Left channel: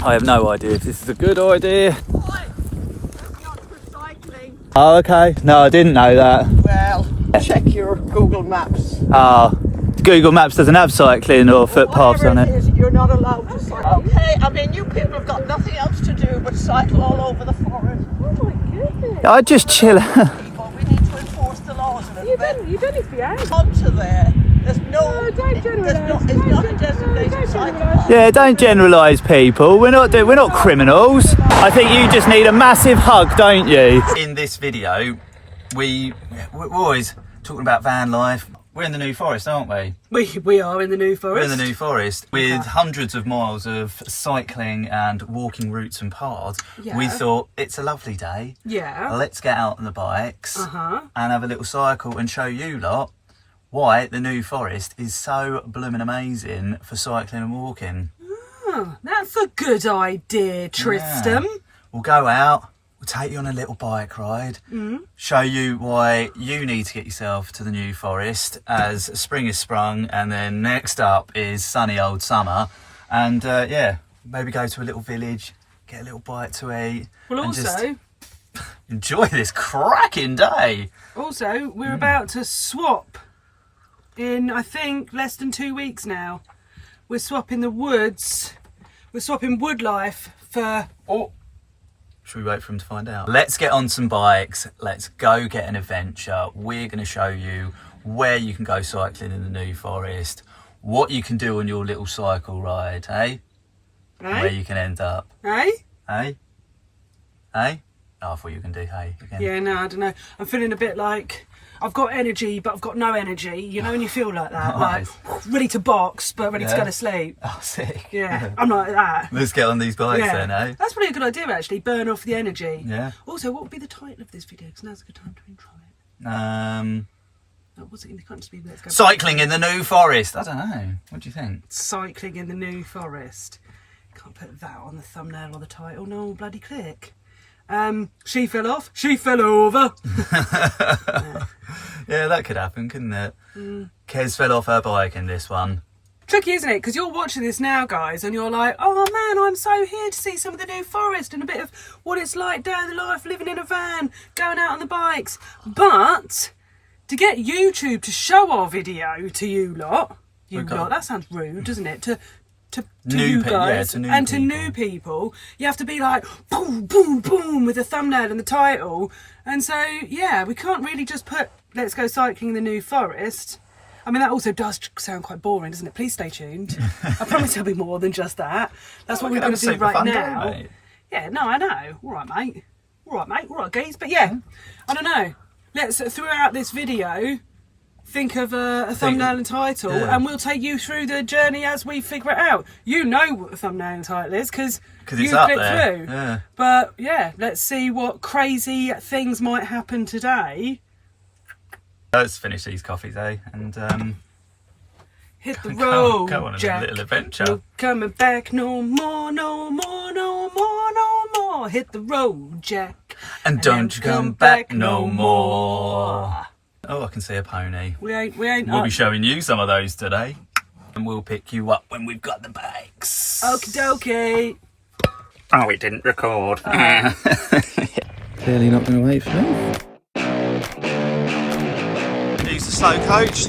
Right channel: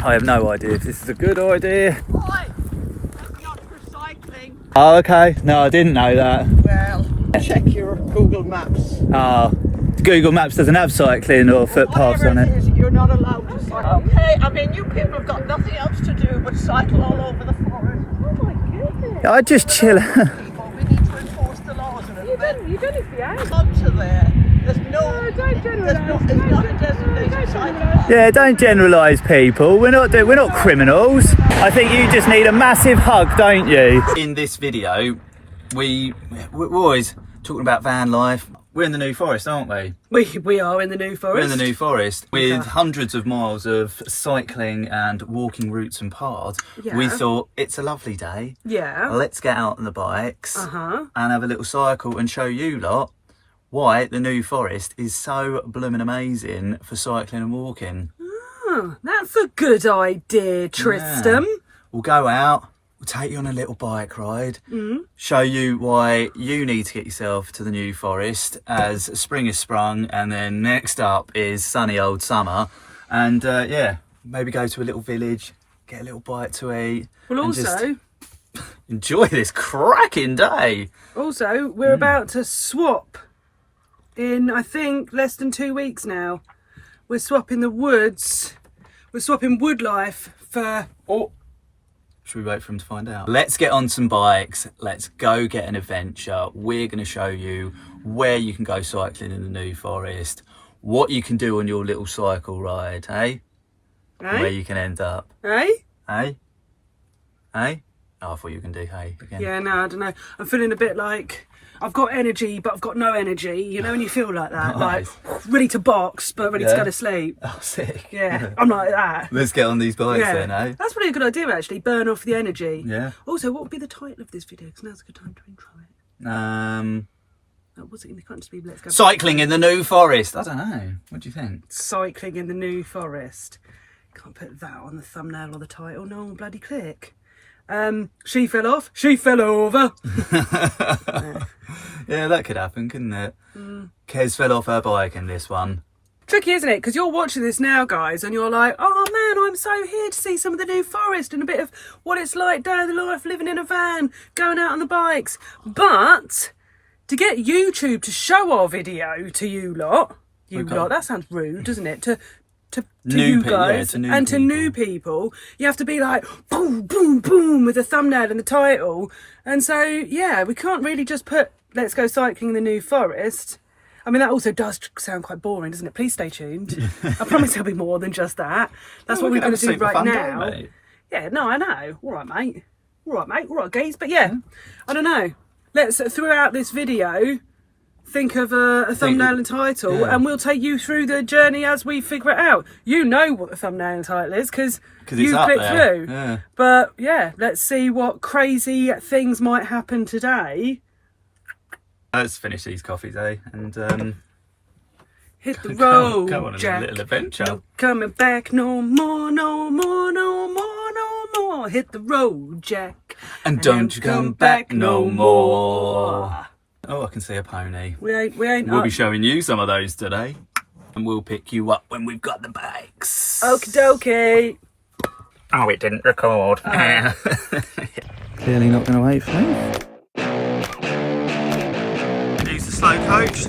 I have no idea if this is a good idea. Oh, okay. No, I didn't know that. Well, check your Google Maps. Google Maps doesn't have cycling or footpaths on it. You're not allowed to cycle. Okay, I mean, you people have got nothing else to do but cycle all over the forest. Oh my goodness. I just chill. We need to enforce the laws a little bit. You don't need to be out. Onto there. There's no... Don't generalise. It's not a designated cycle path. Yeah, don't generalise people. We're not criminals. I think you just need a massive hug, don't you? In this video, we're always talking about van life. We're in the New Forest, aren't we? We are in the New Forest. We're in the New Forest with hundreds of miles of cycling and walking routes and paths. Yeah. We thought it's a lovely day. Yeah. Let's get out on the bikes and have a little cycle and show you lot why the New Forest is so blooming amazing for cycling and walking. Oh, that's a good idea, Tristan. Yeah. We'll go out, we'll take you on a little bike ride, show you why you need to get yourself to the New Forest as spring is sprung, and then next up is sunny old summer. And yeah, maybe go to a little village, get a little bite to eat. Well, and also... just enjoy this cracking day. Also, we're about to swap in, I think, less than 2 weeks now. We're swapping the woods. We're swapping wood life for... Oh, should we wait for him to find out? Let's get on some bikes. Let's go get an adventure. We're going to show you where you can go cycling in the New Forest, what you can do on your little cycle ride, eh? Where you can end up. Eh? Eh? Eh? Oh, I thought you can do hey again. Yeah, no, I don't know. I'm feeling a bit like I've got energy, but I've got no energy. You know when you feel like that? Nice. Like, ready to box, but ready to go to sleep. Oh, sick. Yeah, I'm like that. Let's get on these bikes then, eh? That's probably a good idea, actually. Burn off the energy. Yeah. Also, what would be the title of this video? Because now's a good time to intro it. What's it? It can't just be let's go. Cycling in the New Forest. I don't know. What do you think? Cycling in the New Forest. Can't put that on the thumbnail or the title. No one will bloody click. She fell off. She fell over. Yeah, that could happen, couldn't it? Kez fell off her bike in this one. Tricky, isn't it? Because you're watching this now, guys, and you're like, oh man, I'm so here to see some of the New Forest and a bit of what it's like day of the life, living in a van, going out on the bikes. But to get YouTube to show our video to you lot, that sounds rude, doesn't it? To you guys and to new people, you have to be like boom, boom, boom with the thumbnail and the title. And so, yeah, we can't really just put let's go cycling in the New Forest. I mean, that also does sound quite boring, doesn't it? Please stay tuned. I promise there'll be more than just that. That's what we're going to do right now. Yeah, no, I know. All right, mate. All right, guys. But yeah, I don't know. Let's, throughout this video, think of a thumbnail and title, and we'll take you through the journey as we figure it out. You know what the thumbnail and title is because you clicked through. Yeah. But yeah, let's see what crazy things might happen today. Let's finish these coffees, eh? And hit the road, go on a Jack. little adventure. No coming back, no more, no more, no more, no more. Hit the road, Jack. And don't you come back no more. Oh, I can see a pony. We ain't. We'll be showing you some of those today, and we'll pick you up when we've got the bikes. Okie dokie. Oh, it didn't record. Clearly not going to wait for me. Use the slow coach.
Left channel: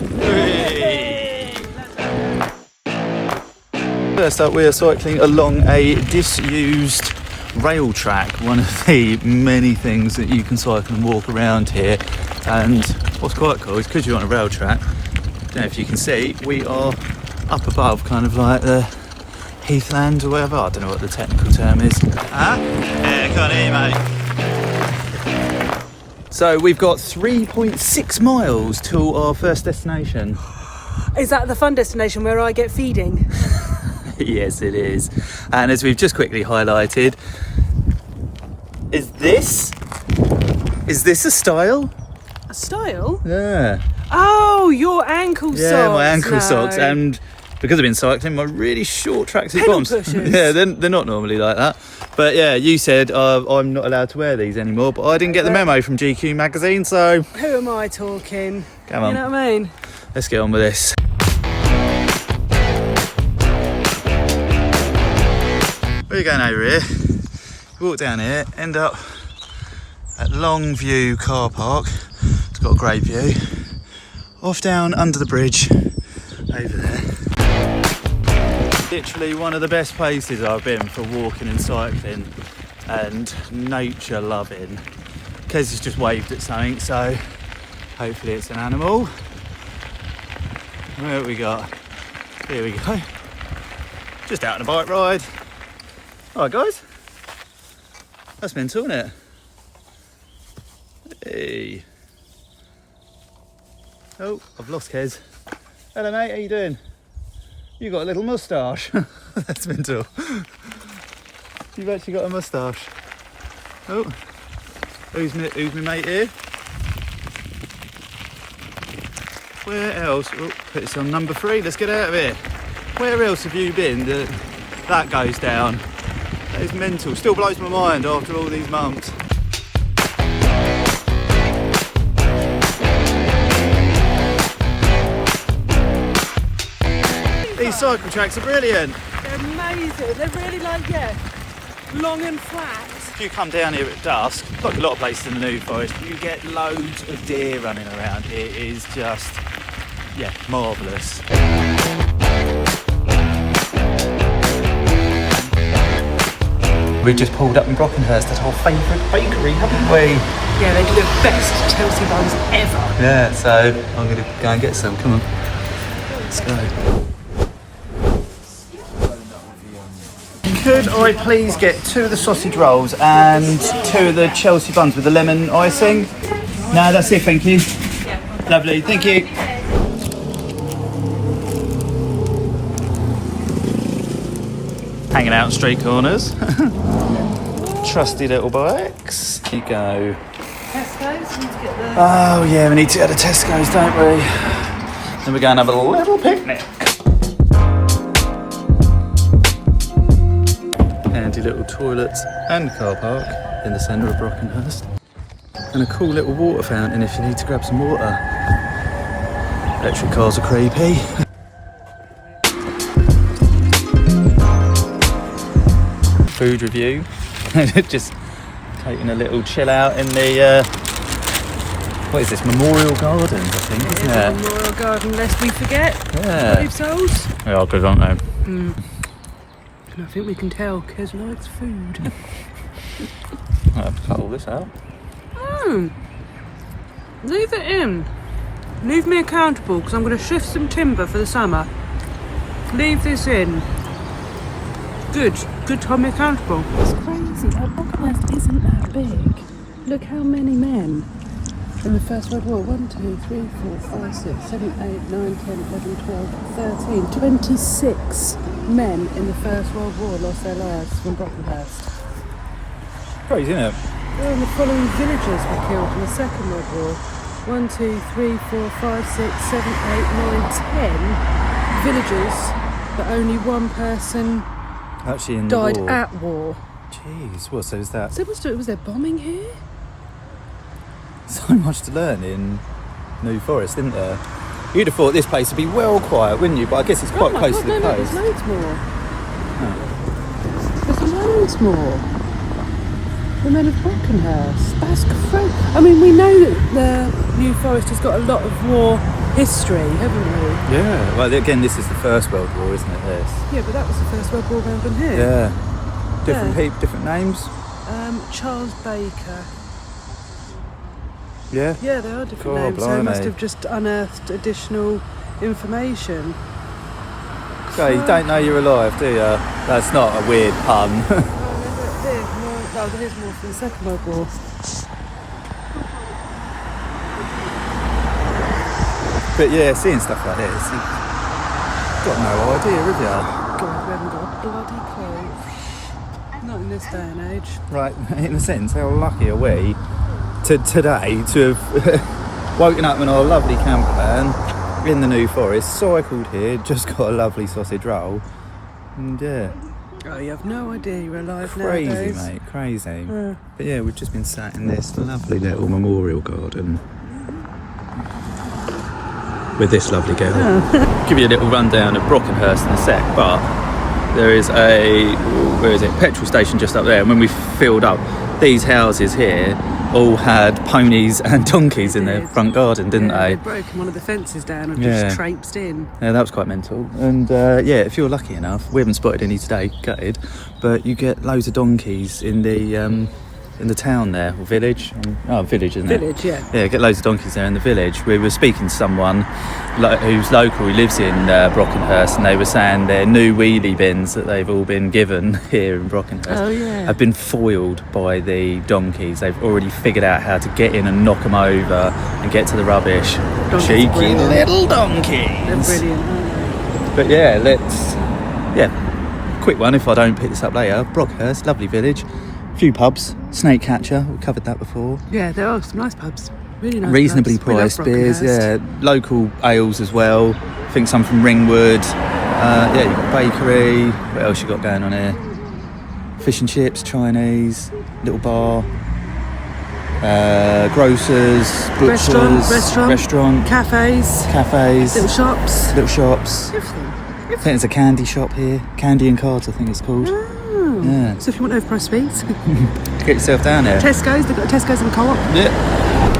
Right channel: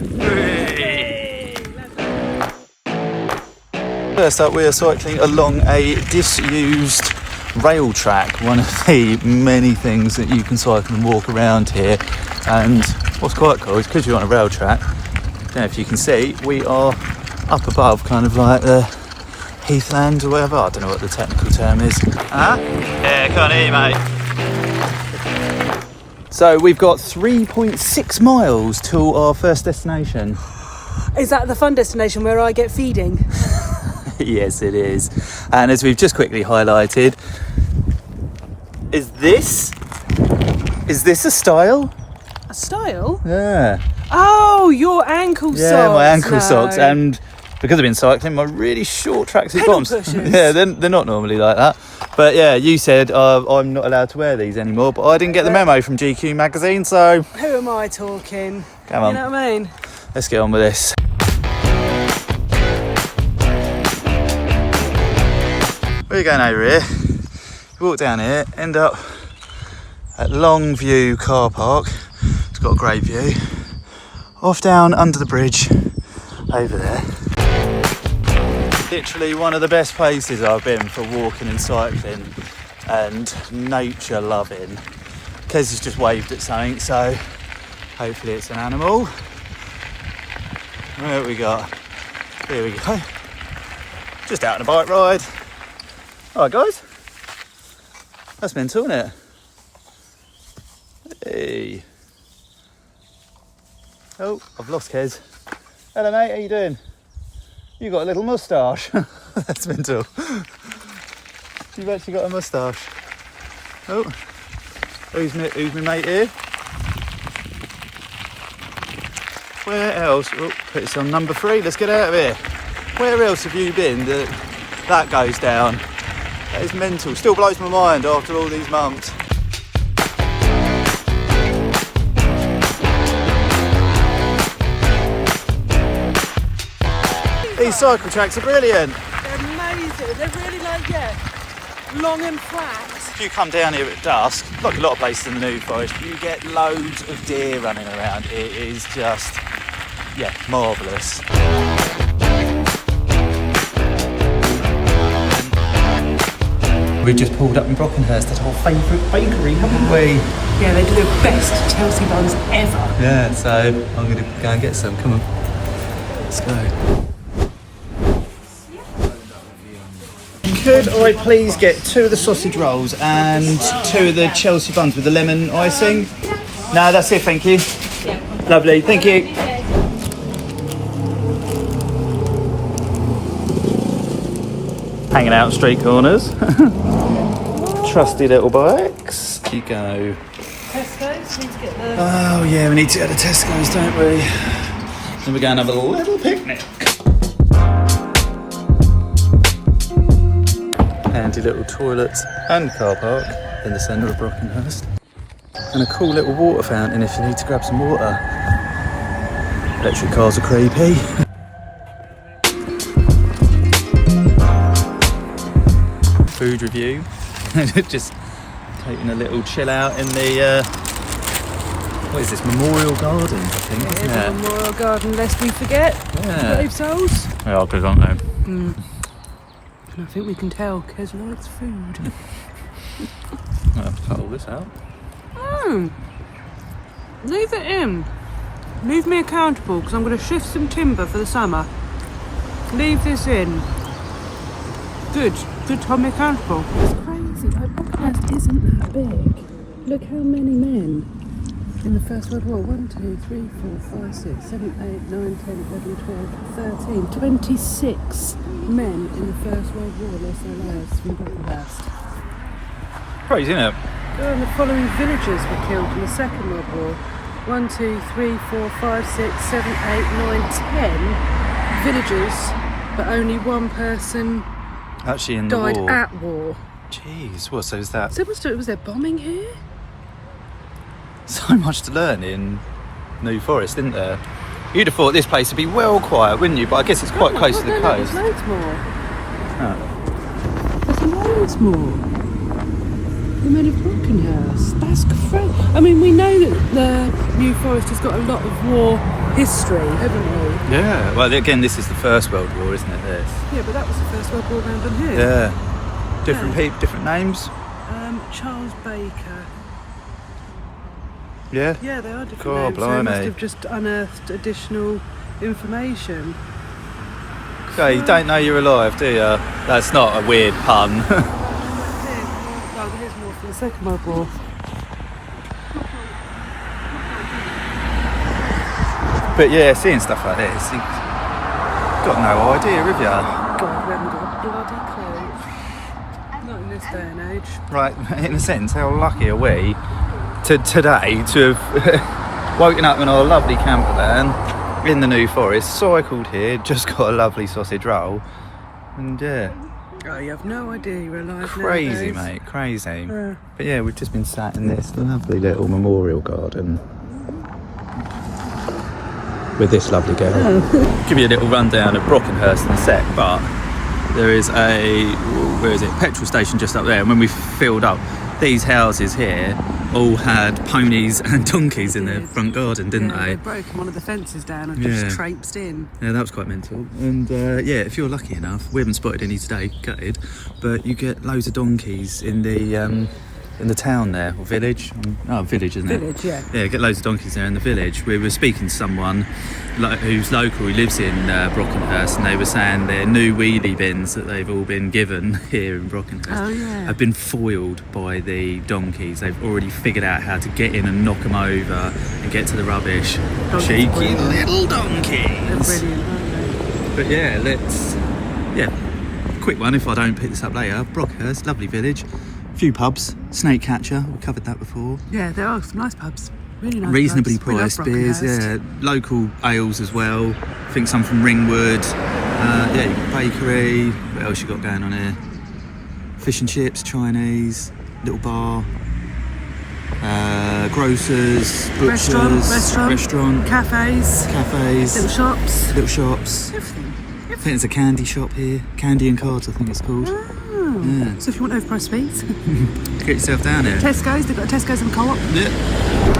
First up, we are cycling along a disused rail track, one of the many things that you can cycle and walk around here. And what's quite cool is because you're on a rail track, I don't know if you can see, we are up above kind of like the heathland or whatever. I don't know what the technical term is. Yeah, can't hear you, mate. So we've got 3.6 miles to our first destination. Is that the fun destination where I get feeding? Yes, it is. And as we've just quickly highlighted, is this a style? A style? Yeah. Oh, your ankle socks. Yeah, my ankle socks. And because I've been cycling, my really short tracksuit bottoms. Yeah, they're not normally like that. But yeah, you said I'm not allowed to wear these anymore, but I didn't get the memo from GQ magazine, so... Who am I talking? Come on. You know what I mean? Let's get on with this. We're going over here, walk down here, end up at Longview car park. It's got a great view. Off down under the bridge over there. Literally one of the best places I've been for walking and cycling and nature loving. Kez has just waved at something, so hopefully it's an animal. What have we got? Here we go. Just out on a bike ride. Alright guys. That's mental, isn't it? Hey. Oh, I've lost Kez. Hello mate, how you doing? You got a little moustache. That's mental. You've actually got a moustache. Oh, who's my mate here? Where else? Oh, put this on number 3. Let's get out of here. Where else have you been that goes down? That is mental. Still blows my mind after all these months. These cycle tracks are brilliant. They're amazing. They're really like, long and flat. If you come down here at dusk, like a lot of places in the New Forest, you get loads of deer running around. It is just, marvellous. We've just pulled up in Brockenhurst, that's our favourite bakery, haven't we? Yeah, they do the best Chelsea buns ever. Yeah, so I'm going to go and get some. Come on. Let's go. Could I please get 2 of the sausage rolls and 2 of the Chelsea buns with the lemon icing? No, that's it, thank you. Lovely, thank you. Hanging out street corners. Trusty little bikes. Here you go. Oh yeah, we need to go to Tesco's, don't we? Then we're going to have a little picnic. Handy little toilets and car park in the centre of Brockenhurst. And a cool little water fountain if you need to grab some water. Electric cars are creepy. Food review. Just taking a little chill out in the, what is this, Memorial Gardens, I think, isn't it? Memorial Garden, lest we forget. Yeah. Brave souls. They are good, aren't they? And I think we can tell Kez likes food. I'll have to cut all this out. Leave it in. Leave me accountable, because I'm going to shift some timber for the summer. Leave this in. Good to hold me accountable. It's crazy. Our Brockenhurst isn't that big. Look how many men in the First World War. 1, 2, 3, 4, 5, 6, 7, 8, 9, 10, 11, 12, 13, 26 men in the First World War lost their lives from Brockenhurst. Crazy, isn't it? And the following villagers were killed in the Second World War. 1, 2, 3, 4, 5, 6, 7, 8, 9, 10 villagers, but only one person Actually in the died war. at war. Jeez, what, so is that So was there bombing here? so much to learn in New Forest, isn't there? You'd have thought this place would be well quiet, wouldn't you? But I guess it's quite close to the coast. There's loads more. Oh. There's loads more. The men of Brockenhurst. That's great. I mean, we know that the New Forest has got a lot of war history, haven't we? Yeah, well again this is the First World War, isn't it, this? Yeah, but that was the First World War around here. Yeah. Different people, different names? Charles Baker. Yeah? Yeah, there are different God, names. So they must blimey. have just unearthed additional information. Okay, you don't know you're alive, do you? That's not a weird pun. There's more from the Second World War. But yeah, seeing stuff like this, you've got no idea, have you? God, we haven't got a bloody clue. Not in this day and age. Right, in a sense, how lucky are we today to have woken up in our lovely camper van in the New Forest, cycled here, just got a lovely sausage roll, and yeah. Oh, you have no idea you're alive Crazy, nowadays. mate, crazy. But yeah, we've just been sat in this lovely little memorial garden with this lovely girl. Give you a little rundown of Brockenhurst in a sec, but there is a, where is it, petrol station just up there, and when we filled up, these houses here all had ponies and donkeys in their front garden, didn't they? They'd broken one of the fences down and Yeah. just traipsed in. Yeah, that was quite mental. And yeah, if you're lucky enough, we haven't spotted any today, gutted, but you get loads of donkeys in the town there, or village. Village, isn't it? Village, yeah. Yeah, get loads of donkeys there in the village. We were speaking to someone who's local, who lives in Brockenhurst, and they were saying their new wheelie bins that they've all been given here in Brockenhurst have been foiled by the donkeys. They've already figured out how to get in and knock them over and get to the rubbish. Cheeky little donkeys. They're brilliant, aren't they? But yeah, quick one if I don't pick this up later. Brockenhurst, lovely village. Few pubs, Snake Catcher, we covered that before. Yeah, there are some nice pubs. Really nice Reasonably pubs. We love priced beers, Brockenhurst. yeah. Local ales as well. I think some from Ringwood. Yeah, you've got bakery. What else you got going on here? Fish and chips, Chinese, little bar. Grocers, butchers, restaurant, cafes, little shops, everything. I think there's a candy shop here, Candy and Cards I think it's called. Oh. Yeah. So if you want overpriced sweets, Get yourself down here. Tesco's, they've got a Tesco's and a Co-op. Yeah.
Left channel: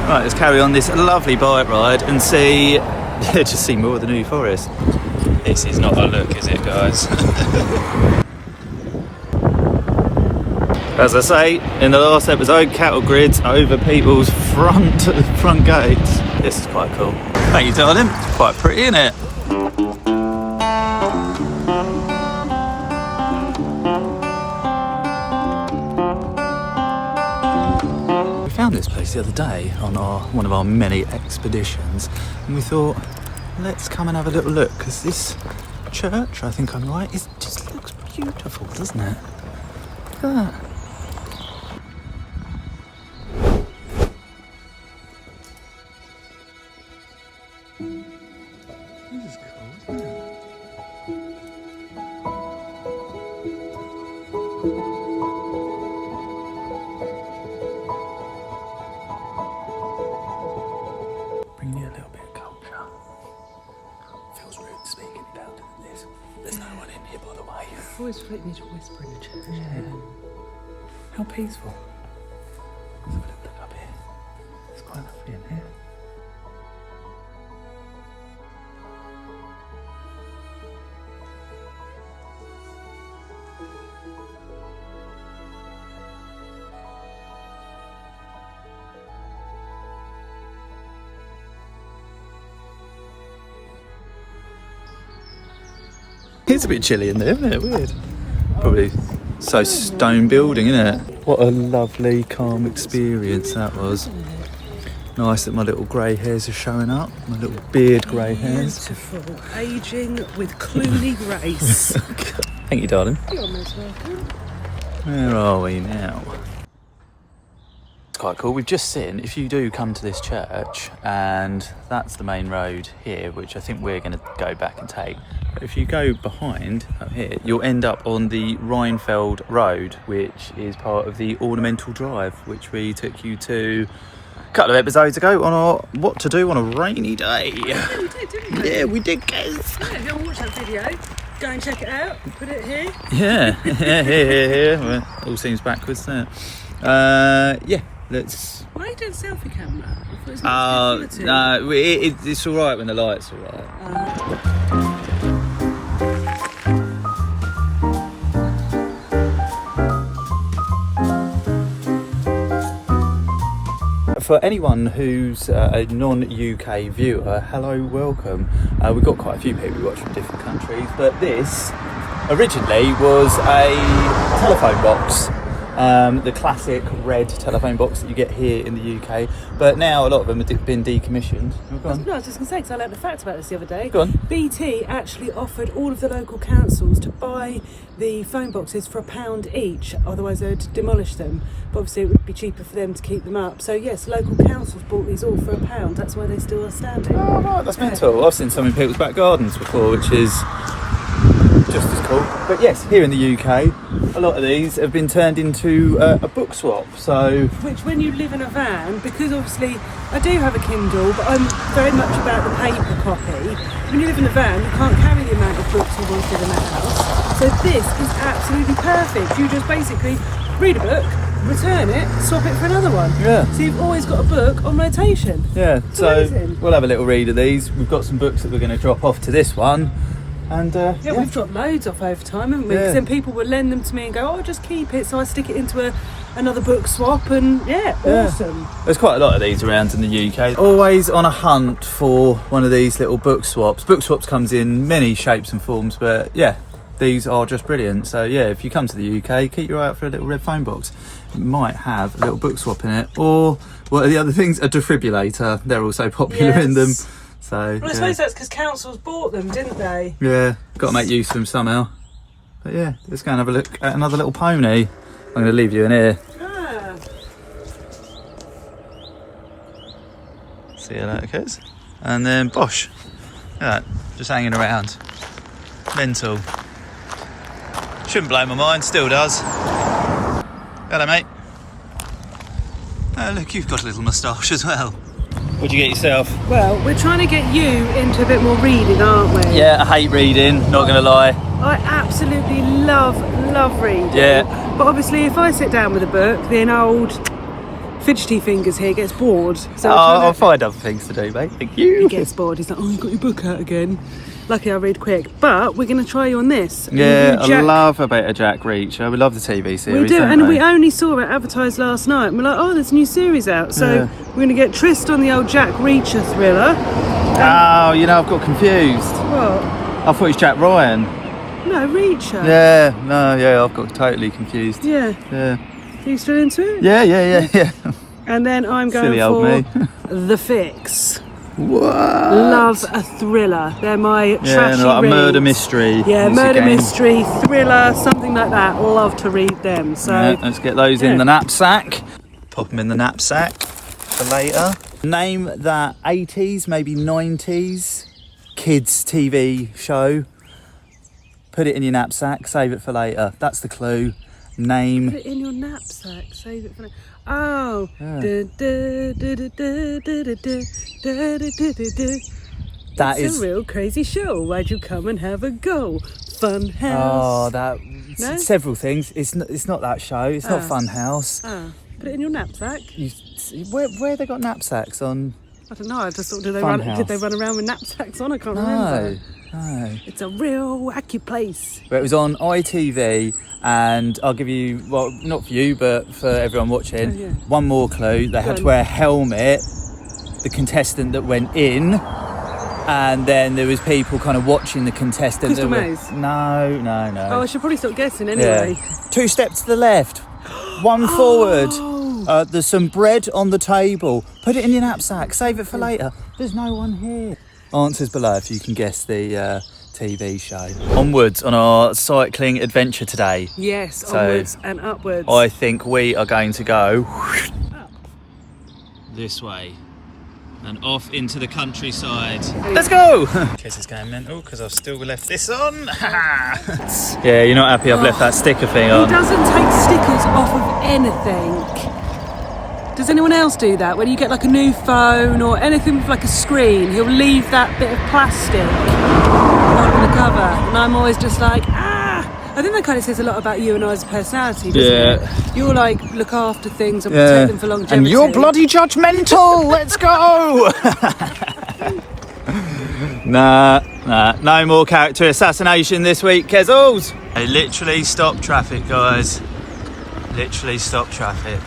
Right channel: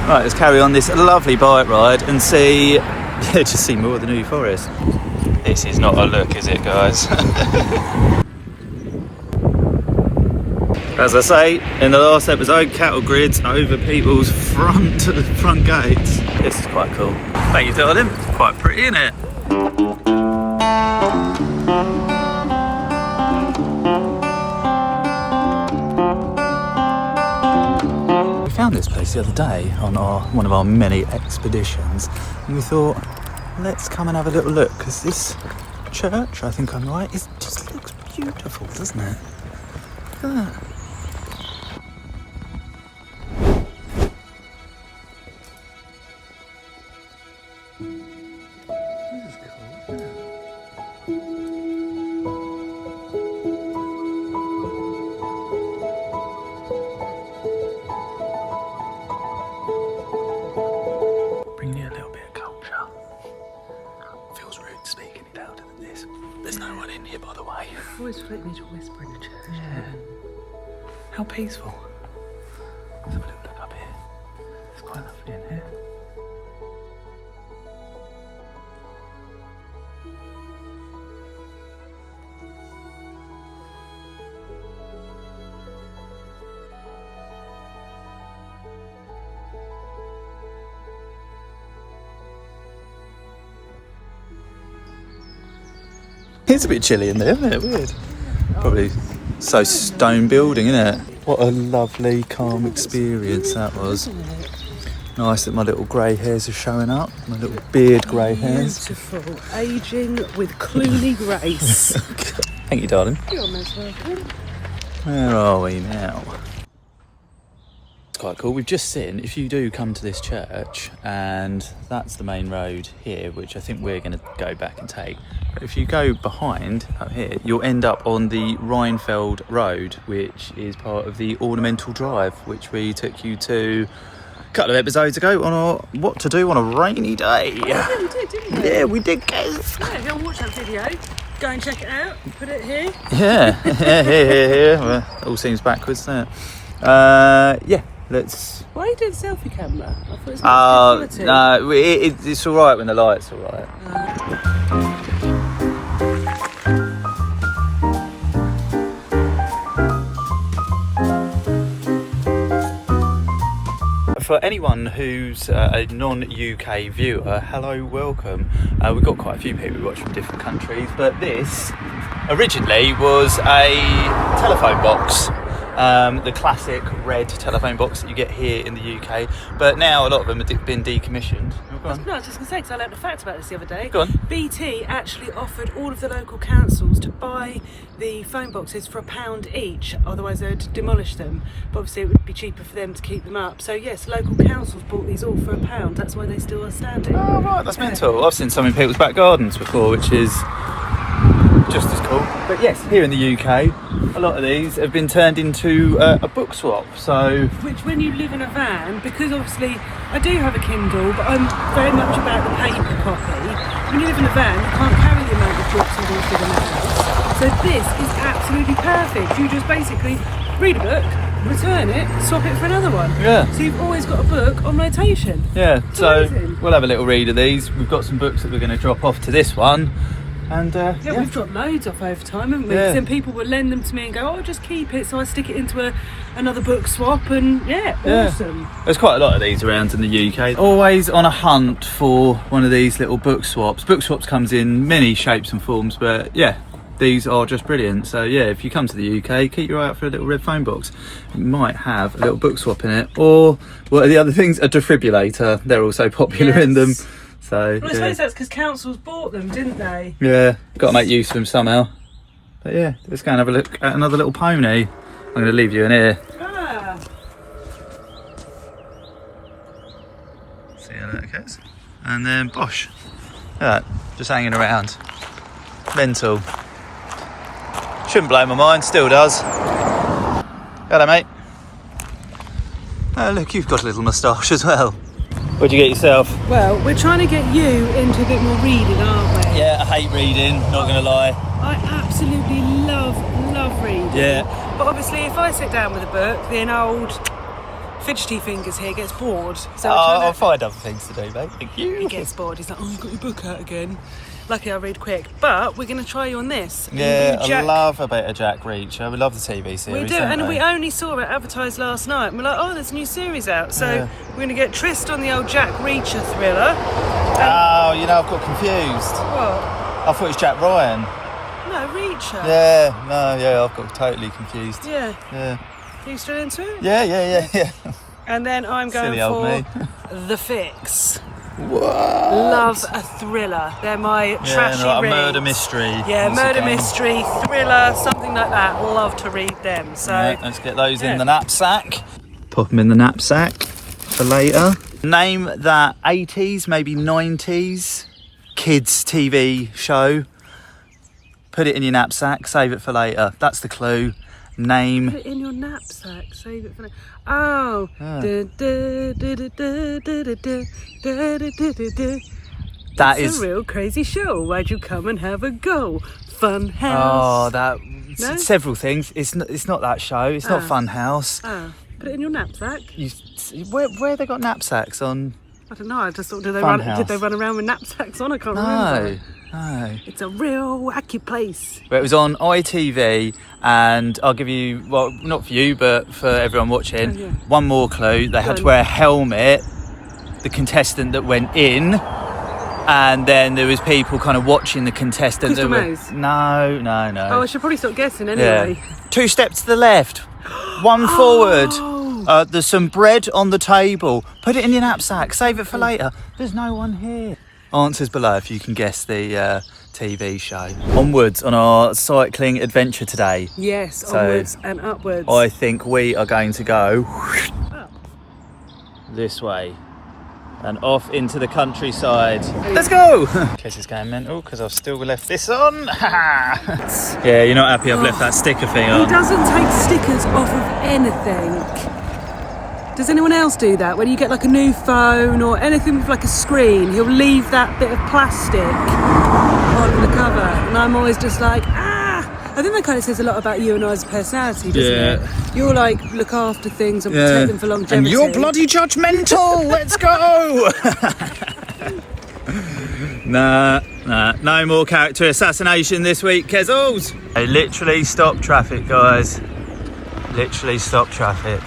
Right, let's carry on this lovely bike ride and just see more of the New Forest. This is not a look, is it, guys? As I say in the last episode, cattle grids over people's front gates. This is quite cool. Thank you, darling. It's quite pretty, isn't it? We found this place the other day on one of our many expeditions, and we thought, let's come and have a little look, because this church, I think I'm right, it just looks beautiful, doesn't it? Look at that. Bring me a little bit of culture. Feels rude speaking it louder than this. There's no one in here, by the way. Always feel like we need to whisper in the church. Yeah. How peaceful. Let's have a little look up here. It's quite lovely in here. It's a bit chilly in there, isn't it? Weird. Probably so stone building, isn't it? What a lovely, calm experience that was. Nice that my little grey hairs are showing up. My little beard grey hairs. Beautiful, ageing with cleanly grace. Thank you, darling. You're most welcome. Where are we now? It's quite cool. We've just seen, if you do come to this church, and that's the main road here, which I think we're going to go back and take. But if you go behind up here, you'll end up on the Rhinefeld Road, which is part of the Ornamental Drive, which we took you to a couple of episodes ago on our what to do on a rainy day. Yeah, we did, didn't we? Yeah, we did, Kez. Yeah, go watch that video. Go and check it out. Put it here. Yeah, here. Well, it all seems backwards, doesn't it? Yeah, let's... Why are you doing selfie camera? I thought it was not no, it's alright when the light's alright. For anyone who's a non-UK viewer, hello, welcome. We've got quite a few people who watch from different countries, but this originally was a telephone box. The classic red telephone box that you get here in the UK, but now a lot of them have been decommissioned. Oh, go on. No, I was just going to say, because I learned a fact about this the other day. Go on. BT actually offered all of the local councils to buy the phone boxes for £1 each, otherwise they'd demolish them. But obviously it would be cheaper for them to keep them up. So yes, local councils bought these all for £1. That's why they still are standing. Oh right, that's mental. I've seen some in people's back gardens before, which is just as cool. But yes, here in the UK, a lot of these have been turned into a book swap. So, which, when you live in a van, because obviously I do have a Kindle, but I'm very much about the paper copy. When you live in a van, you can't carry the amount of books you wanted in the house. So this is absolutely perfect. You just basically read a book, return it, swap it for another one. Yeah. So you've always got a book on rotation. Yeah, so amazing. we'll have a little read of these. We've got some books that we're going to drop off to this one. And Yeah, we've dropped loads off over time, haven't we? Yeah. Then people would lend them to me and go, oh, just keep it. So I stick it into another book swap, and awesome. There's quite a lot of these around in the UK. Always on a hunt for one of these little book swaps. Book swaps comes in many shapes and forms, but yeah, these are just brilliant. So yeah, if you come to the UK, keep your eye out for a little red phone box. It might have a little book swap in it, or what are the other things? A defibrillator. They're also popular in them. So Well, I suppose that's because councils bought them, didn't they? yeah, got to make use of them somehow. But yeah, let's go and have a look at another little pony. I'm going to leave you in here. Ah. See how that goes. And then Bosch. Look at that, just hanging around. Mental. Shouldn't blow my mind, still does. Hello, mate. Oh, look, you've got a little moustache as well. What'd you get yourself? Well, we're trying to get you into a bit more reading, aren't we? Yeah, I hate reading, not going to lie. I absolutely love reading. Yeah. But obviously, if I sit down with a book, then old fidgety fingers here gets bored. So I'll find other things to do, mate. Thank you. he gets bored. He's like, oh, you've got your book out again. Lucky I read quick. But we're going to try you on this. Yeah, And you, I Jack, love a bit of Jack Reacher. We love the TV series. we do, don't and we? we only saw it advertised last night. And we're like, oh, there's a new series out. So Yeah. we're going to get Trist on the old Jack Reacher thriller. Oh, you know, I've got confused. What? I thought it was Jack Ryan. No, Reacher. Yeah, no, yeah, I've got totally confused. Yeah. Yeah. Are you still into it? Yeah. And then I'm going Silly old me. for The Fix. Love a thriller. They're my Yeah, trashy and like a reads. murder mystery. Yeah, once murder again. mystery, thriller, something like that. Love to read them. So Yeah, let's get those in yeah. the knapsack. Pop them in the knapsack for later. Name that 80s, maybe 90s kids TV show. Put it in your knapsack, save it for later. That's the clue. Name. put it in your knapsack. Save it for now. Oh. Yeah. That It's is. a real crazy show. Why'd you come and have a go? Fun Oh, house. that. No? Several things. It's not that show. It's not Fun House. Ah, put it in your knapsack. Where they got knapsacks on? I don't know. I just thought, did they Fun run house. around with knapsacks on? I can't remember. No. It's a real wacky place. But it was on ITV, and I'll give you, well, not for you, but for everyone watching, Oh, yeah. one more clue. They had to on. wear a helmet, the contestant that went in, and then there was people kind of watching the contestant. Crystal that were, Maze? No. Oh, I should probably stop guessing anyway. Yeah. 2 steps to the left, 1 forward. Oh. There's some bread on the table. Put it in your knapsack, save it for later. There's no one here. Answers below if you can guess the TV show. Onwards on our cycling adventure today. Yes, So, onwards and upwards. I think we are going to go this way and off into the countryside. Let's go! Kez is going mental because I've still left this on. Yeah, you're not happy I've left that sticker thing He on. doesn't take stickers off of anything. Does anyone else do that? When you get like a new phone or anything with like a screen, he'll leave that bit of plastic on the cover. And I'm always just like, I think that kind of says a lot about you and I's personality, doesn't it? You'll like look after things and protect them for longevity. And you're bloody judgmental. Let's go. Nah, no more character assassination this week, Kezels. They literally stop traffic, guys. Literally stop traffic.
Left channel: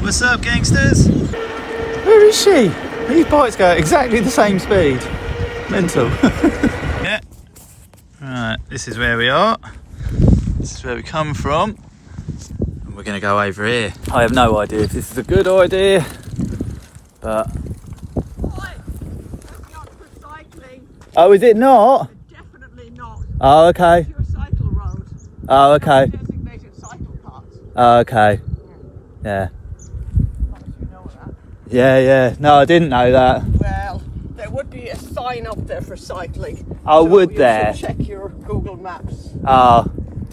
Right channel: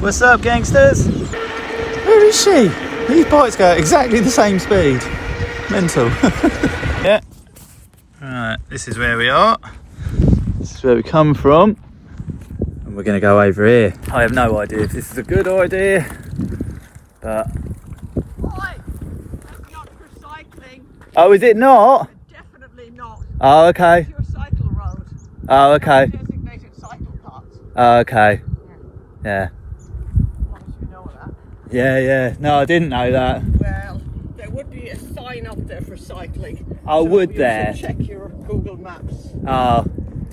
What's up, gangsters? Where is she? These bikes go at exactly the same speed. Mental. Yeah. Right, this is where we are. This is where we come from. And we're going to go over here. I have no idea if this is a good idea, but... Oh, is it not? Definitely not. Oh, okay. Your cycle road. Oh, okay. Designated cycle paths. Oh, okay. Yeah. You know that. Yeah. No, I didn't know that. Well, there would be a sign up there for cycling. Oh, So would you there? should check your Google Maps.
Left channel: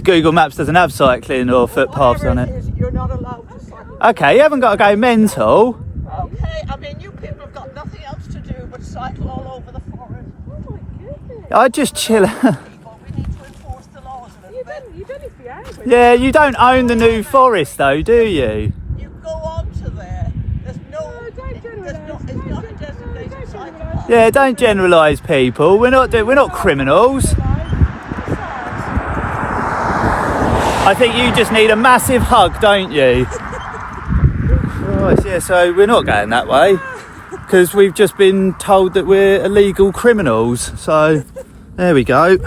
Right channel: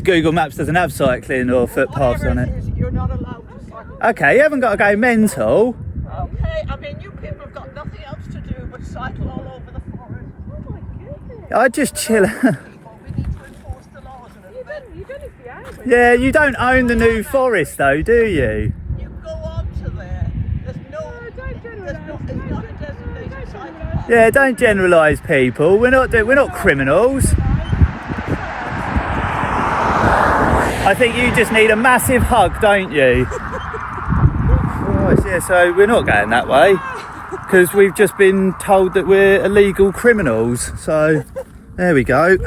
Google Maps doesn't have cycling or footpaths on Whatever it. is, you're not allowed to cycle. Okay, you haven't got to go mental. Okay, I mean, you people have got nothing else to do but cycle all over the forest. Oh my goodness. I just chill. We need to enforce the laws a little bit. You don't need to be angry. Yeah, you don't own the New Forest though, do you? You go on to there. There's no. Don't generalise. It's not a designated site park. Yeah, don't generalise people. We're not criminals. I think you just need a massive hug, don't you? Right, yeah, so we're not going that way because we've just been told that we're illegal criminals. So there we go.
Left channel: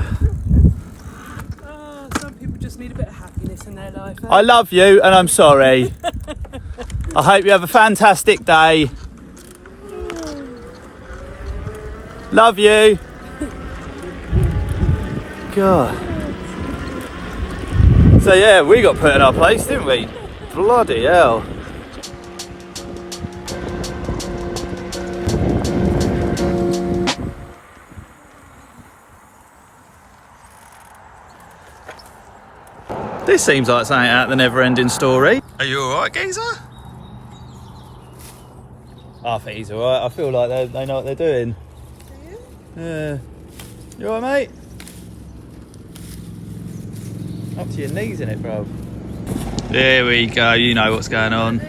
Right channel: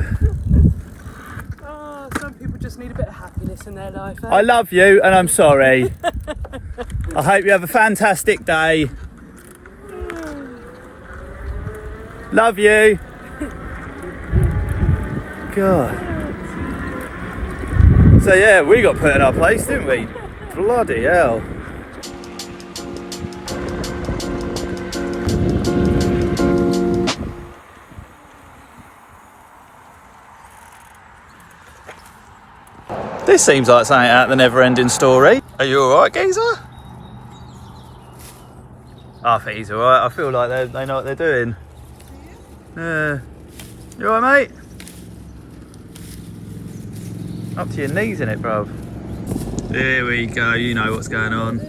Oh, some people just need a bit of happiness in their life. I love you and I'm sorry. I hope you have a fantastic day. Love you. God. So yeah, we got put in our place, didn't we? Bloody hell. This seems like something out of the Never-Ending Story. Are you alright, geezer? I think he's alright. I feel like they know what they're doing. Yeah. You alright, mate? Up to your knees in it, bruv. There we go, you know what's going on.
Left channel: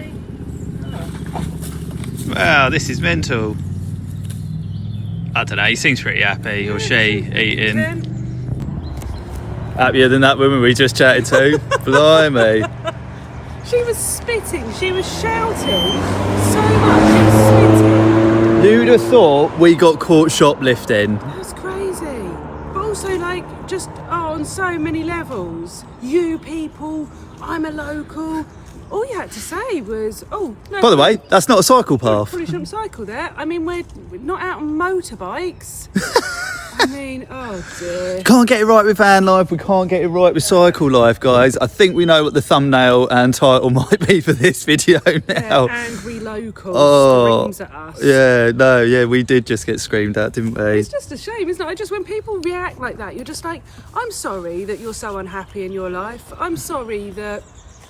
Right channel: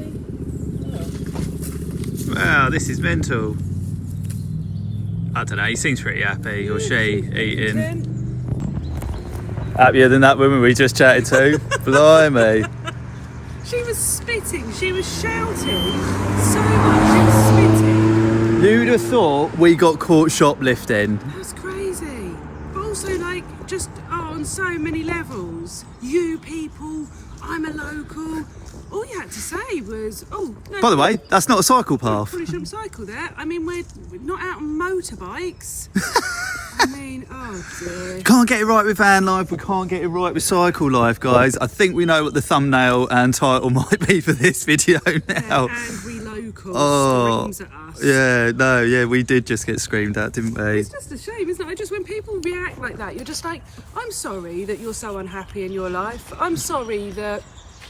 Wow, this is mental. I don't know, he seems pretty happy, or she, eating. Happier than that woman we just chatted to. Blimey. She was spitting, she was shouting so much, she was spitting. Who'd have thought we got caught shoplifting? That's crazy. But also, like, just on so many levels. You people, I'm a local. All you had to say was, oh, no. By the way, that's not a cycle path. Probably shouldn't cycle there. I mean, we're not out on motorbikes. I mean, oh dear. Can't get it right with van life, we can't get it right with cycle life, guys. I think we know what the thumbnail and title might be for this video now. Yeah, angry local screams at us. Yeah, we did just get screamed at, didn't we? It's just a shame, isn't it? I just, when people react like that, you're just like, I'm sorry that you're so unhappy in your life. I'm sorry that,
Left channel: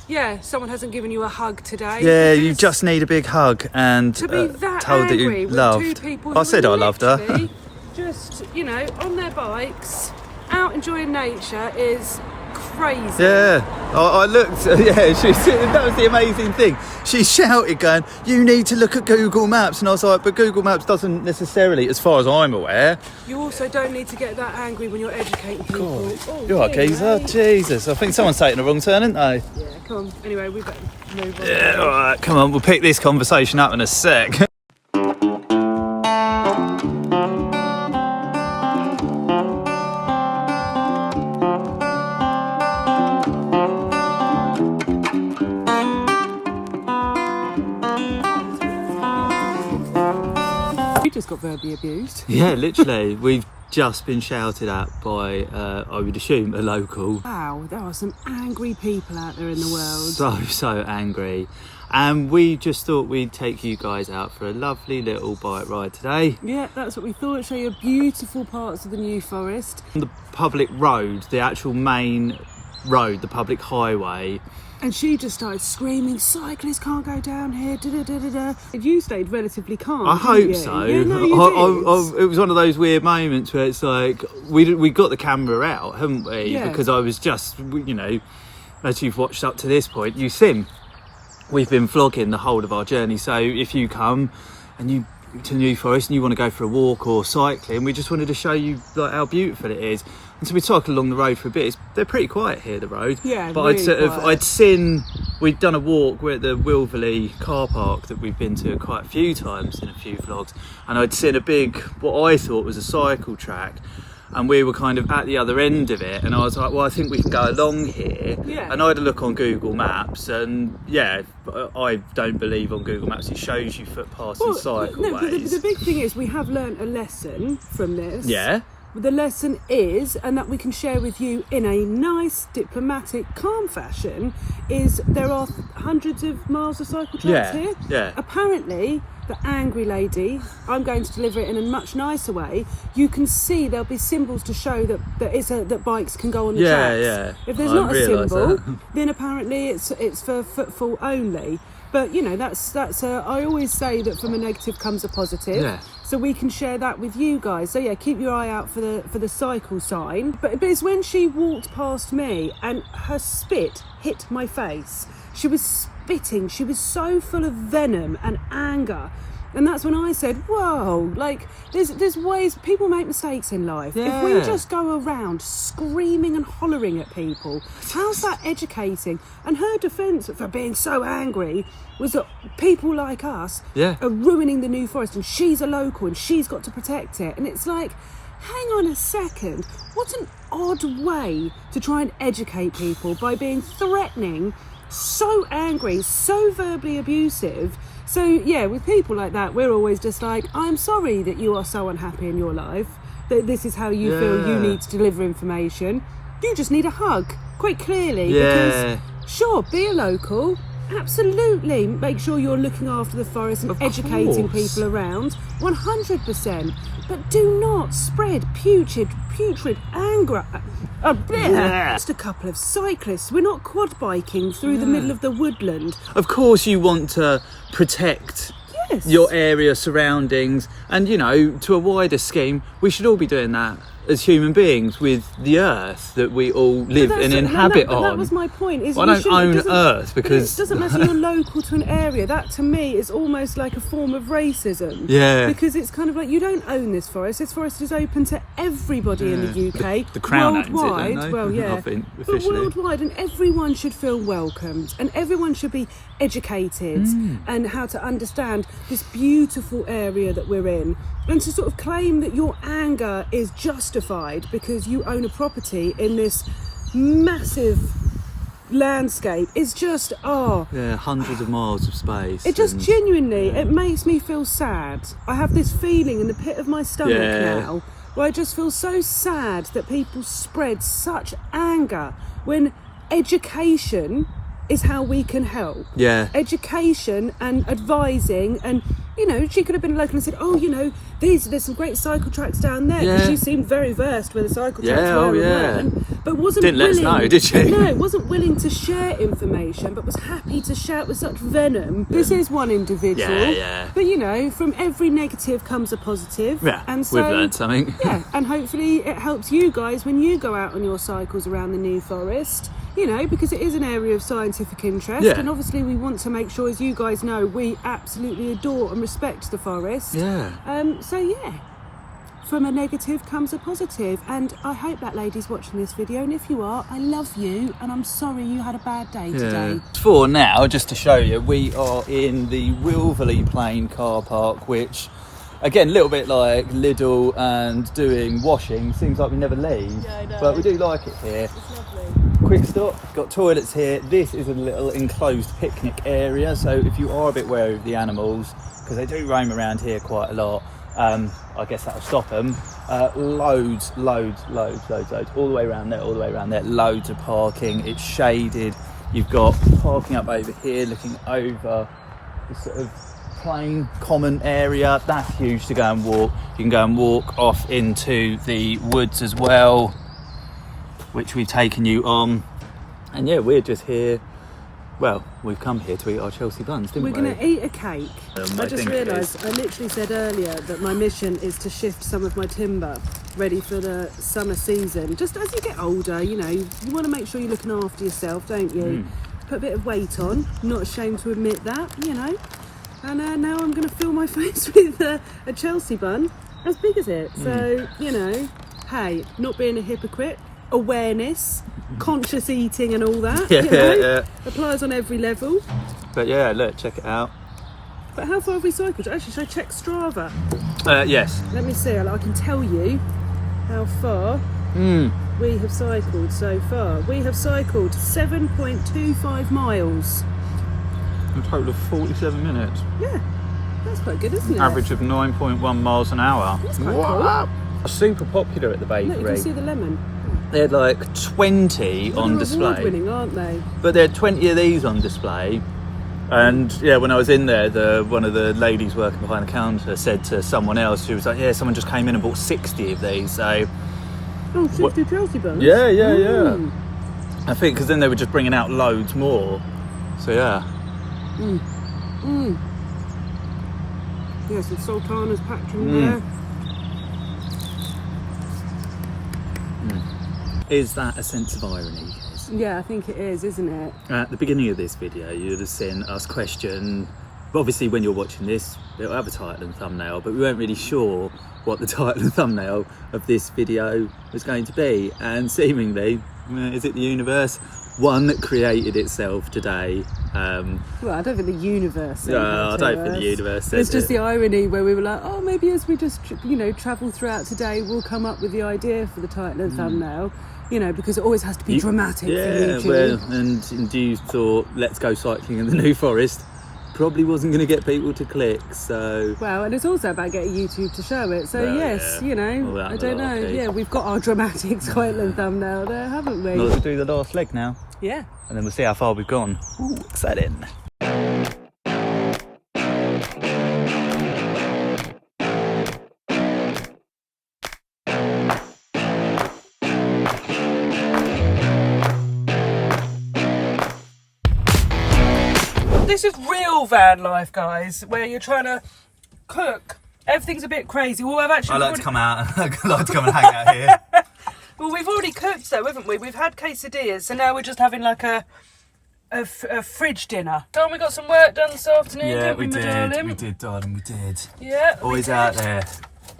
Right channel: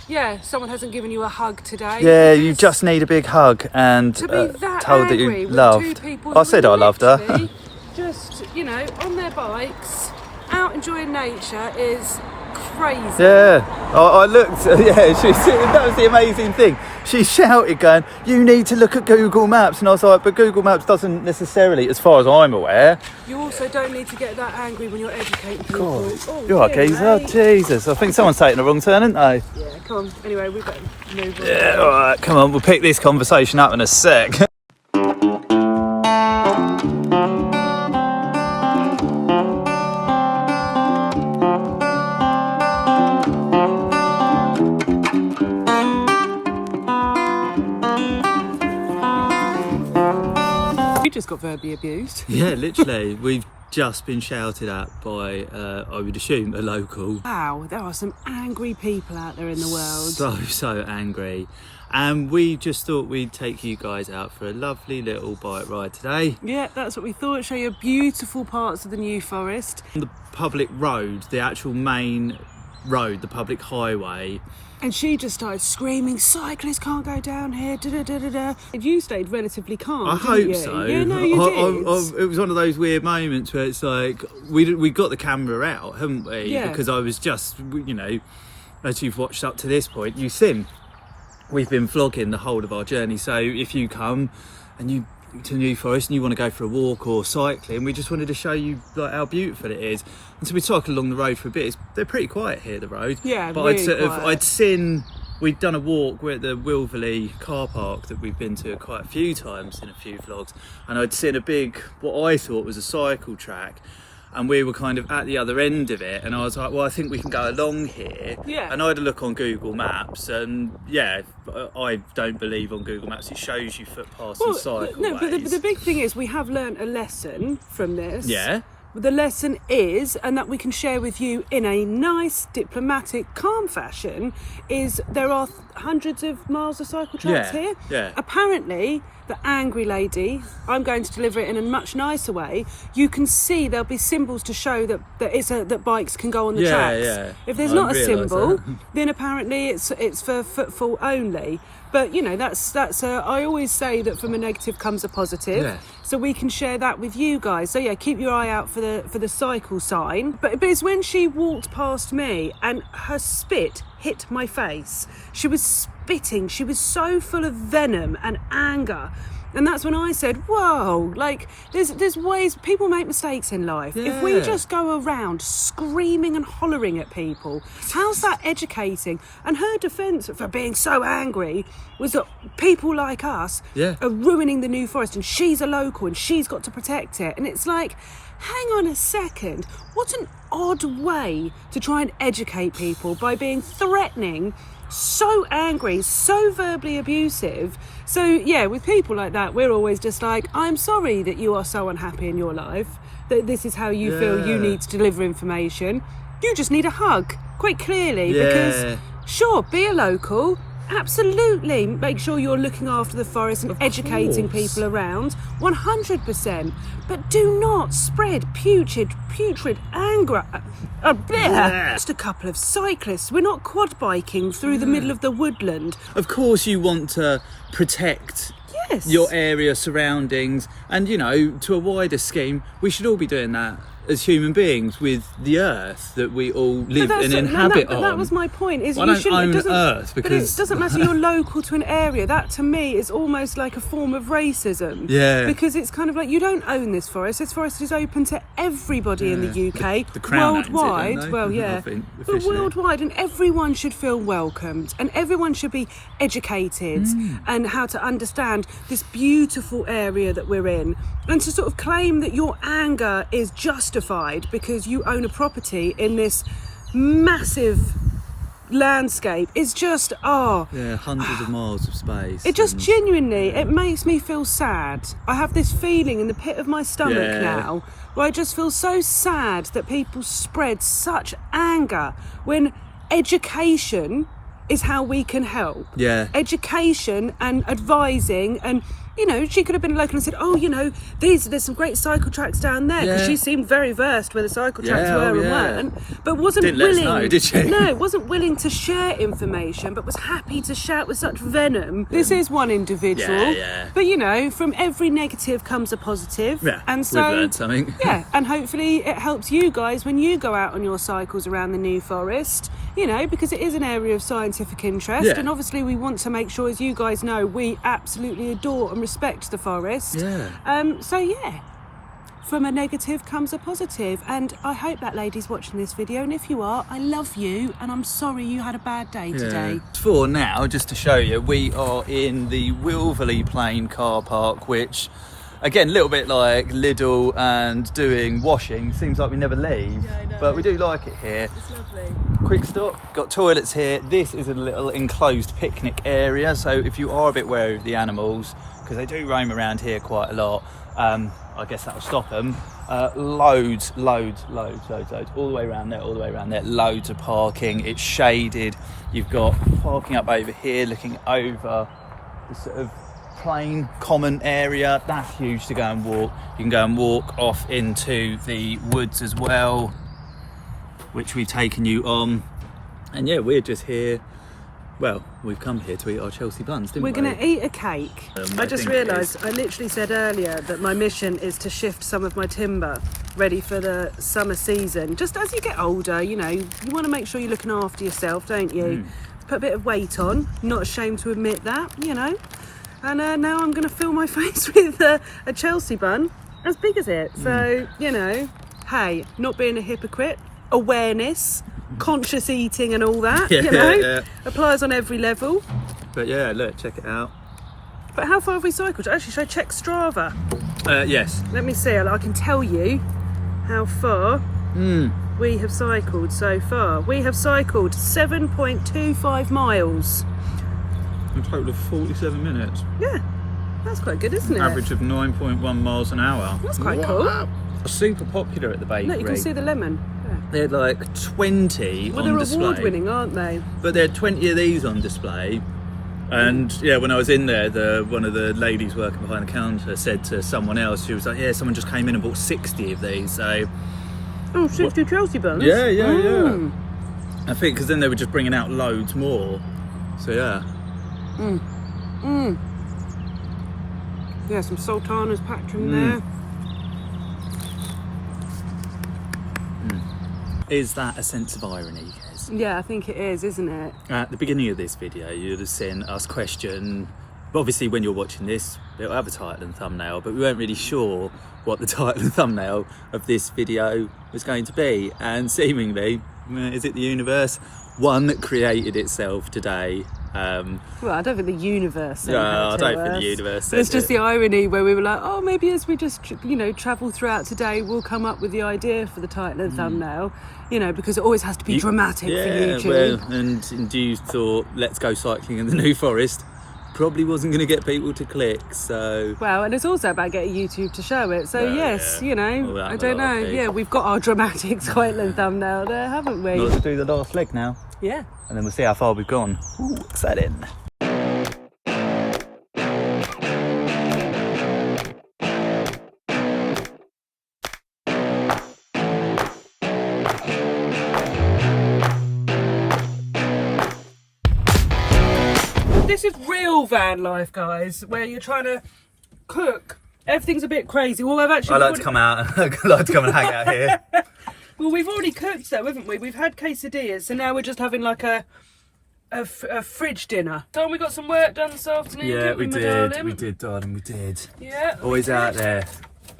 yeah, someone hasn't given you a hug today. Yeah, you just need a big hug and to be that told that angry you with loved. two people I said who I are loved her. literally just, you know, on their bikes, out enjoying nature is crazy. Yeah, I looked, yeah, that was the amazing thing. She shouted going, you need to look at Google Maps. And I was like, but Google Maps doesn't necessarily, as far as I'm aware. You also don't need to get that angry when you're educating people. Oh, You're right, dear geezer. me. Jesus, I think someone's taking a wrong turn, isn't they? Yeah, come on. Anyway, we better move on. Yeah, all right, come on, we'll pick this conversation up in a sec. You just got verbally abused. Yeah, literally, we've just been shouted at by, I would assume, a local. Wow, there are some angry people out there in the world. So angry. And we just thought we'd take you guys out for a lovely little bike ride today. Yeah, that's what we thought. Show you beautiful parts of the New Forest. The public road, the actual main road, the public highway. And she just started screaming, cyclists can't go down here, da-da-da-da-da. And you stayed relatively calm, I didn't hope you? so. Yeah, no, you did. It was one of those weird moments where it's like, we got the camera out, haven't we? Yeah. Because I was just, you know, as you've watched up to this point, you've seen, we've been vlogging the whole of our journey. So if you come and you to New Forest and you want to go for a walk or cycling, we just wanted to show you like how beautiful it is. And so we cycled along the road for a bit. They're pretty quiet here, the road. Yeah, but really I'd seen, we'd done a walk. We're at the Wilverley car park that we've been to quite a few times in a few vlogs, and I'd seen a big, what I thought was a cycle track, and we were kind of at the other end of it, and I was like, well, I think we can go along here. Yeah. And I had a look on Google Maps, and yeah, I don't believe on Google Maps it shows you footpaths and cycleways. No, but the big thing is we have learnt a lesson from this. Yeah. The lesson is, and that we can share with you in a nice, diplomatic, calm fashion, is there are hundreds of miles of cycle tracks here. Yeah. Apparently, the angry lady, I'm going to deliver it in a much nicer way. You can see there'll be symbols to show that bikes can go on the tracks. Yeah. If there's I not a realised symbol, that. then apparently it's for footfall only. But you know, that's I always say that from a negative comes a positive. Yeah. So so we can share that with you guys. So yeah, keep your eye out for the cycle sign. But it's when she walked past me and her spit hit my face. She was spitting. She was so full of venom and anger. And that's when I said, whoa, like, there's ways, people make mistakes in life. Yeah. If we just go around screaming and hollering at people, how's that educating? And her defence for being so angry was that people like us are ruining the New Forest, and she's a local and she's got to protect it. And it's like, hang on a second, what an odd way to try and educate people by being threatening, so angry, so verbally abusive. So yeah, with people like that, we're always just like, I'm sorry that you are so unhappy in your life, that this is how you feel you need to deliver information. You just need a hug, quite clearly, because sure, be a local, absolutely make sure you're looking after the forest and educating people around, 100%, but do not spread putrid anger. Just a couple of cyclists. We're not quad biking through the middle of the woodland. Of course you want to protect your area surroundings, and you know, to a wider scheme, we should all be doing that as human beings with the earth that we all live and inhabit on. But that was my point. Is I you don't shouldn't. own Earth because but it doesn't matter. You're local to an area. That to me is almost like a form of racism. Yeah. Because it's kind of like, you don't own this forest. This forest is open to everybody in the UK, the Crown owns it, worldwide. don't they? Well, yeah, I think, but officially. worldwide, and everyone should feel welcomed, and everyone should be educated and how to understand this beautiful area that we're in, and to sort of claim that your anger is justified because you own a property in this massive landscape is just hundreds of miles of space. it just genuinely, it makes me feel sad. I have this feeling in the pit of my stomach now where I just feel so sad that people spread such anger when education is how we can help. Education and advising, and you know, she could have been local and said, oh, you know, there's some great cycle tracks down there, because she seemed very versed where the cycle tracks were and weren't, but wasn't willing. Let us know, did she? No, wasn't willing to share information, but was happy to shout with such venom. This is one individual, but you know, from every negative comes a positive, and so we've learned something. and hopefully it helps you guys when you go out on your cycles around the New Forest. You know, because it is an area of scientific interest, and obviously we want to make sure, as you guys know, we absolutely adore and respect the forest. So yeah, from a negative comes a positive, and I hope that lady's watching this video, and if you are, I love you, and I'm sorry you had a bad day today. For now, just to show you, we are in the Wilverley Plain car park, which, again, a little bit like Lidl and doing washing, seems like we never leave, but we do like it here. It's lovely. Quick stop, got toilets here. This is a little enclosed picnic area, so if you are a bit wary of the animals, because they do roam around here quite a lot, I guess that'll stop them. Loads, all the way around there, loads of parking. It's shaded. You've got parking up over here looking over the sort of plain common area. That's huge to go and walk. You can go and walk off into the woods as well, which we've taken you on. And yeah, we're just here. Well, we've come here to eat our Chelsea buns, didn't we? We're going to eat a cake. I just realised, I literally said earlier that my mission is to shift some of my timber ready for the summer season. Just as you get older, you know, you want to make sure you're looking after yourself, don't you? Put a bit of weight on, not ashamed to admit that, you know. And now I'm going to fill my face with a Chelsea bun as big as it. So, you know, hey, not being a hypocrite, awareness, conscious eating and all that, you know, applies on every level. But yeah, look, check it out. But how far have we cycled? Actually, should I check Strava? Yes. Let me see, I can tell you how far we have cycled so far. We have cycled 7.25 miles. A total of 47 minutes. Yeah, that's quite good, isn't it? Average of 9.1 miles an hour. That's quite cool. Super popular at the bakery. Look, you can see the lemon. They had like 20 on display. They're award-winning, aren't they? But there are 20 of these on display. And yeah, when I was in there, one of the ladies working behind the counter said to someone else, she was like, yeah, someone just came in and bought 60 of these. So, 60 Chelsea buns? Yeah. I think because then they were just bringing out loads more. So yeah. Yeah, some sultanas packed in there. Is that a sense of irony, Kez? Yeah, I think it is, isn't it? At the beginning of this video, you'd have seen us question, but obviously when you're watching this, it'll have a title and thumbnail, but we weren't really sure what the title and thumbnail of this video was going to be. And seemingly, is it the universe? One that created itself today. Well, I don't think the universe said No, I that don't to think us. the universe said It's just it. the irony where we were like, oh, maybe as we just, travel throughout today, we'll come up with the idea for the title and thumbnail, because it always has to be dramatic for YouTube. Well, and you thought, let's go cycling in the New Forest. Probably wasn't going to get people to click, so... Well, and it's also about getting YouTube to show it. So, Well, yes, yeah. All that I don't know. malarkey. Yeah, we've got our dramatic title and thumbnail there, haven't we? Let's do the last leg now, Yeah. and then we'll see how far we've gone. Ooh, exciting. This is real van life, guys, where you're trying to cook. Everything's a bit crazy. Well, I've actually... I like to come out. I like to come and hang out here. Well, we've already cooked though, haven't we? We've had quesadillas, so now we're just having like a fridge dinner. Don't we got some work done this afternoon? Yeah, didn't we my did. darling? We did, darling. We did. Yeah. Always out there.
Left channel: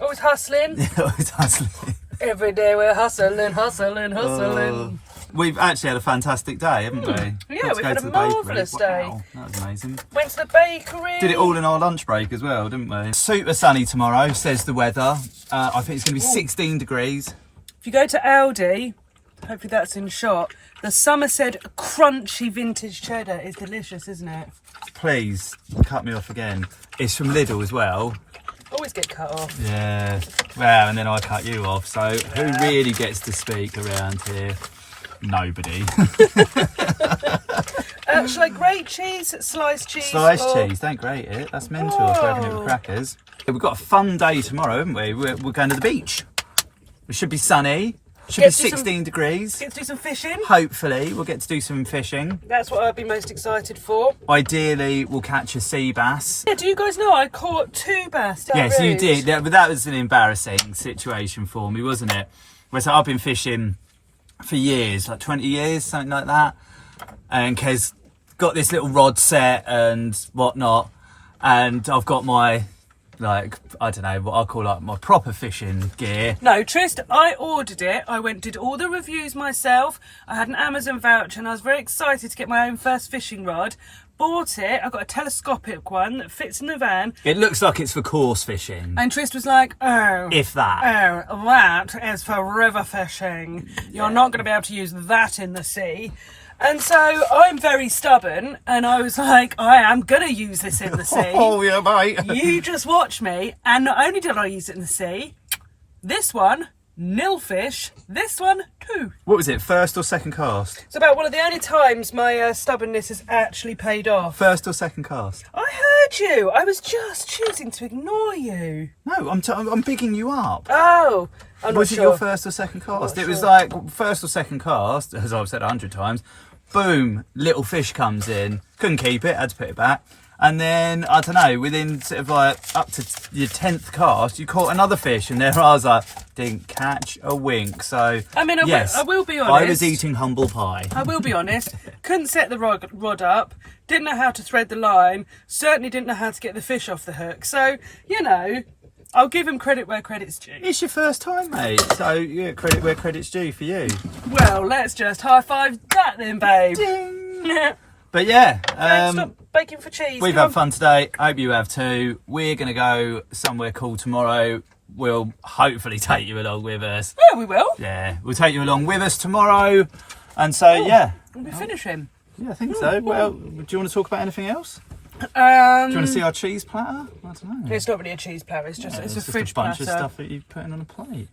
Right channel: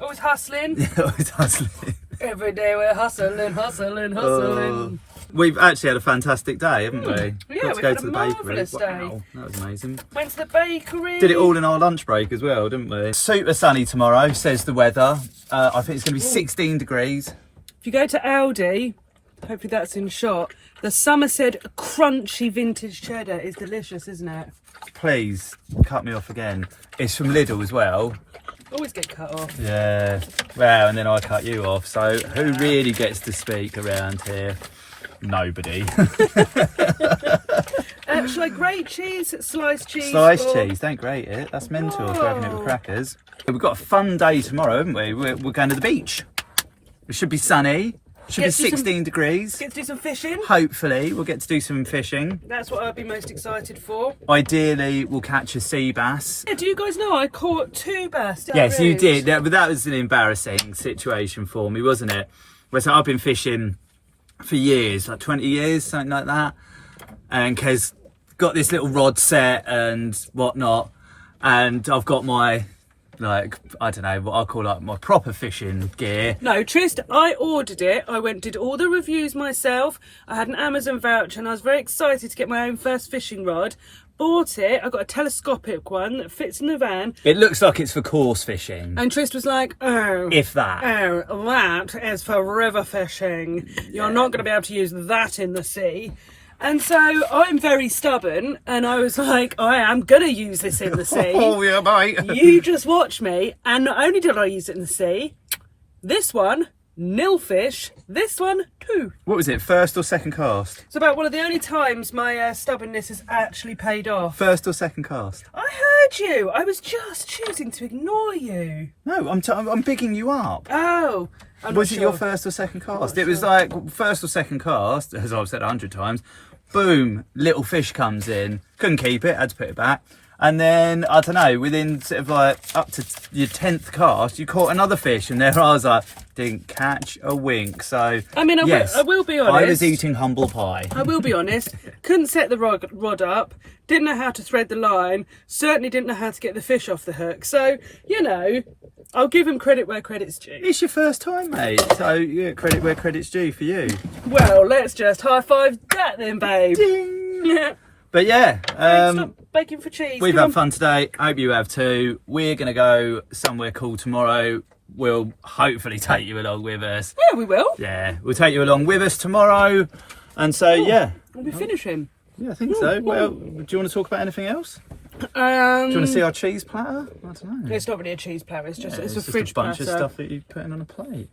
Always hustling. Always hustling. Every day we're hustling. We've actually had a fantastic day, haven't we? Yeah, Got to we've go had to a the bakery. marvellous day. Wow, that was amazing. Went to the bakery. Did it all in our lunch break as well, didn't we? Super sunny tomorrow, says the weather. I think it's going to be 16 degrees. If you go to Aldi, hopefully that's in shot, the Somerset crunchy vintage cheddar is delicious, isn't it? Please, cut me off again. It's from Lidl as well. Always get cut off. Yeah. Well, and then I cut you off. So who really gets to speak around here? Nobody. Shall I grate cheese, sliced cheese? Sliced or... cheese, don't grate it. That's mental if we're having it with crackers. We've got a fun day tomorrow, haven't we? We're going to the beach. It should be sunny. Should Get be to do 16 degrees. Get to do some fishing. Hopefully, we'll get to do some fishing. That's what I'd be most excited for. Ideally, we'll catch a sea bass. Yeah, do you guys know I caught 2 bass? Yes, you did. But that was an embarrassing situation for me, wasn't it? Whereas I've been fishing for years, like 20 years, something like that. And Kez got this little rod set and whatnot. And I've got my, I don't know, what I call my proper fishing gear. No, Trist, I ordered it. I did all the reviews myself. I had an Amazon voucher and I was very excited to get my own first fishing rod. Bought it. I got a telescopic one that fits in the van. It looks like it's for coarse fishing. And Trist was like, oh. If that. Oh, that is for river fishing. You're not going to be able to use that in the sea. And so I'm very stubborn and I was like, I am going to use this in the sea. Oh, yeah, mate. You just watch me. And not only did I use it in the sea, this one, nil fish, this one, 2. What was it, first or second cast? It's about one of the only times my stubbornness has actually paid off. First or second cast? I heard you. I was just choosing to ignore you. No, I'm bigging you up. Oh, I'm Was not it sure. your first or second cast? not It was sure. like first or second cast, as I've said 100 times. Boom, little fish comes in. Couldn't keep it, had to put it back. And then, I don't know, within sort of like up to your 10th cast, you caught another fish. And there I was like, didn't catch a wink. So, I mean, yes, I will be honest. I was eating humble pie. I will be honest. Couldn't set the rod up. Didn't know how to thread the line. Certainly didn't know how to get the fish off the hook. So, I'll give him credit where credit's due. It's your first time, mate. So, yeah, credit where credit's due for you. Well, let's just high five that then, babe. Ding. Yeah. But yeah, Stop baking for cheese. we've Come had on. fun today. Hope you have too. We're going to go somewhere cool tomorrow. We'll hopefully take you along with us. Yeah, we will. Yeah, we'll take you along with us tomorrow. And so, yeah. We'll be finishing. Yeah, I think so. Well, do you want to talk about anything else? Do you Um, want to see our cheese platter? I don't know. it's not really a cheese platter. It's just Yeah, it's a just fridge bunch platter. of stuff that you're putting on a plate.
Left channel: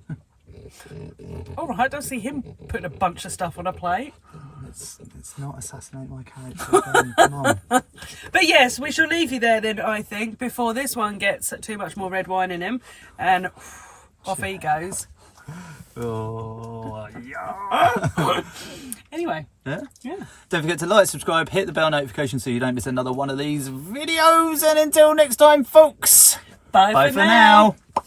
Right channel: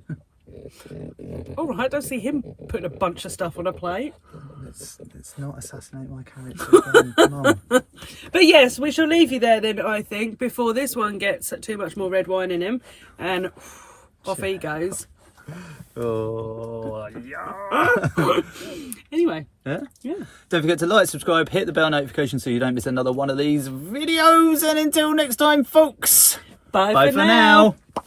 All right, I don't see him putting a bunch of stuff on a plate. It's not assassinate my character. Come on. But yes, we shall leave you there then, I think, before this one gets too much more red wine in him. And off he goes. Oh, yeah. Anyway, Yeah? yeah. Don't forget to like, subscribe, hit the bell notification so you don't miss another one of these videos. And until next time, folks. Bye, Bye for for now. now.